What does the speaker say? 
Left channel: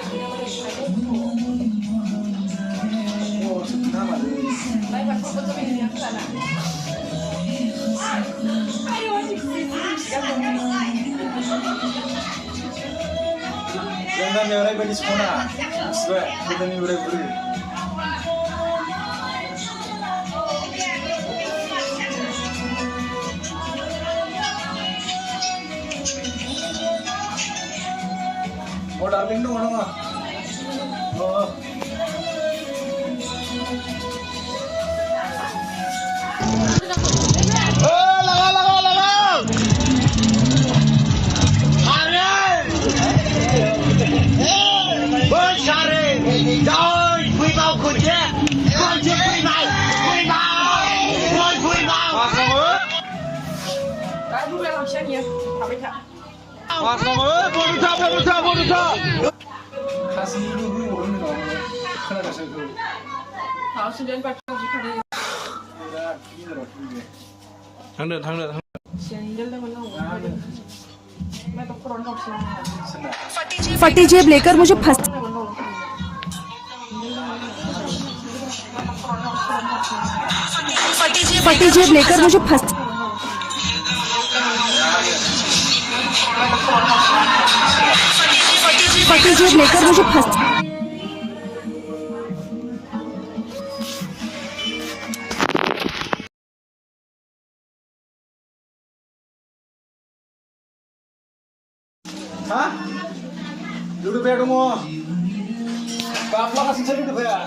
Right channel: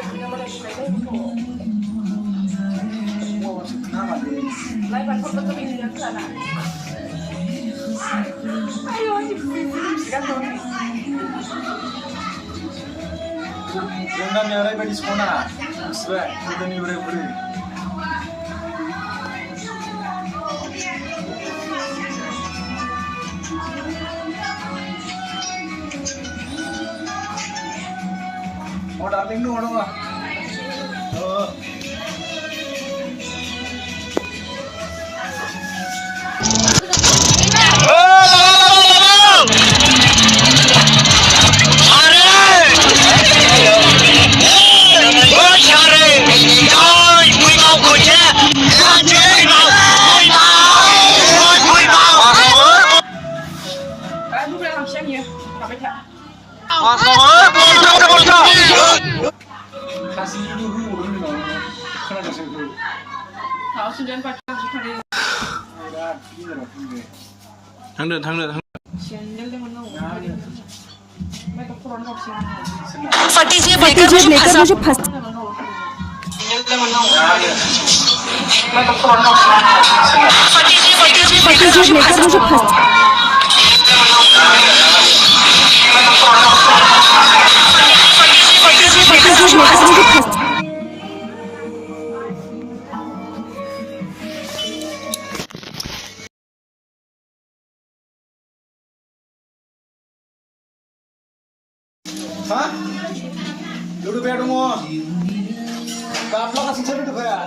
Jangan yang lain bagi semua. Sebab kita ni boleh. Oh, darling tu orang. Oh. Kasih dulu orang ni kena dah sebut. Tahu sudah pakai kali. Dah, ini dah tinggal. Thang được. Channel dah mana? मैं तो पुराना option फटी जेब लेकर मुझे फंस फटी जेब लेकर मुझे फंस फटी जेब लेकर मुझे फंस Hah? Duduk ya dong. Bapak kasih saya duduk ya.